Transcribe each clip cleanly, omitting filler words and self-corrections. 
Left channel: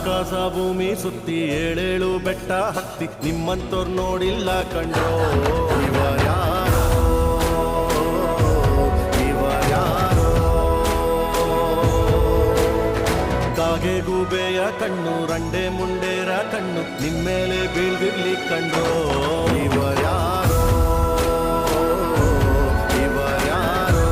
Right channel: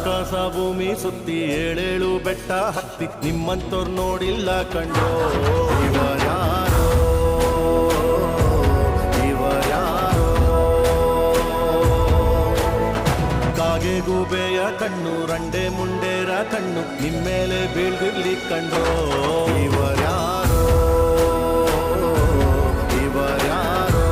ಆಕಾಶ ಭೂಮಿ ಸುತ್ತಿ ಏಳೇಳು ಬೆಟ್ಟ ಹತ್ತಿ ನಿಮ್ಮಂತೋರ್ ನೋಡಿಲ್ಲ ಕಂಡ್ರೋ. ಇವರ್ಯಾರೋ ಇವರ್ಯಾರೋ ಕಾಗೆ ಗೂಬೆಯ ಕಣ್ಣು ರಂಡೆ ಮುಂಡೇರ ಕಣ್ಣು ನಿಮ್ಮೇಲೆ ಬೀಳ್ದಿರ್ಲಿ ಕಂಡ್ರೋ. ಇವರ್ಯಾರೋ ಇವರ್ಯಾರೋ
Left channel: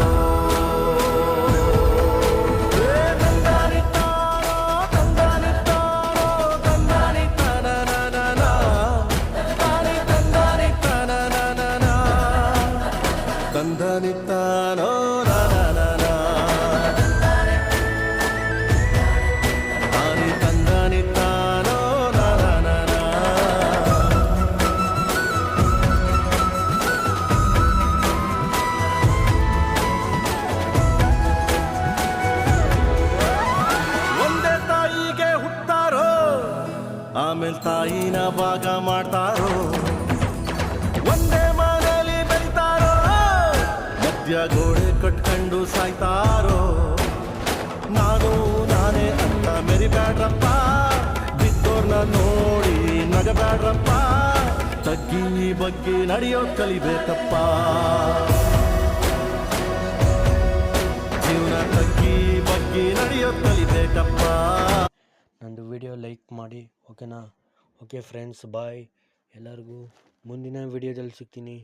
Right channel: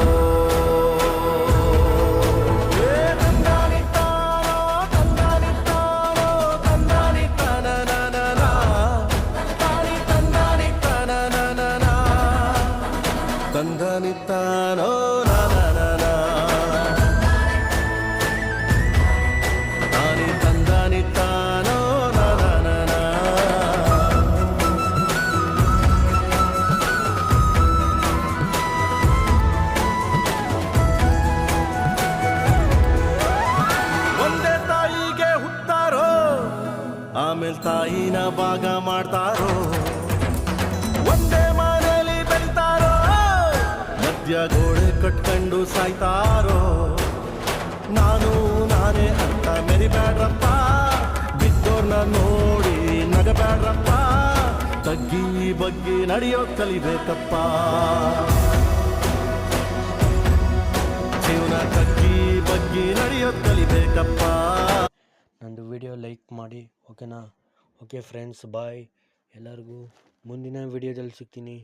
ತಂದನಿತ್ತಾನೋ ನಾನ ತಾನಿ ತಂದನಿತ್ತಾನೋ ನಾನ. ಒಂದೇ ತಾಯಿಗೆ ಹುಟ್ಟಾರೋ ಆಮೇಲೆ ತಾಯಿನ ಭಾಗ ಮಾಡ್ತಾರೋ. ಒಂದೇ ಮನೆಯಲ್ಲಿ ಬೆಳಿತಾರೋ ಮಧ್ಯ ಗೋಡೆ ಕಟ್ಕೊಂಡು ಸಾಯ್ತಾರೋ. ನಾನು ನಾನೇ ಅಂತ ಮೆರಿಬ್ಯಾಡ್ರಪ್ಪ, ಬಿದ್ದೋರ್ನ ನೋಡಿ ನಗಬ್ಯಾಡ್ರಪ್ಪ. ತಗ್ಗಿ ಬಗ್ಗಿ ನಡೆಯೋದ್ ಕಲಿಬೇಕಪ್ಪ, ಜೀವನ ತಗ್ಗಿ ಬಗ್ಗಿ ನಡೆಯೋದ್ ಕಲಿಬೇಕಪ್ಪ. ನಂದು ವಿಡಿಯೋ ಲೈಕ್ ಮಾಡಿ, ಓಕೆನಾ? ಓಕೆ ಫ್ರೆಂಡ್ಸ್, ಬಾಯ್ ಎಲ್ಲರಿಗೂ. ಮುಂದಿನ ವಿಡಿಯೋದಲ್ಲಿ ಸಿಗ್ತೀನಿ.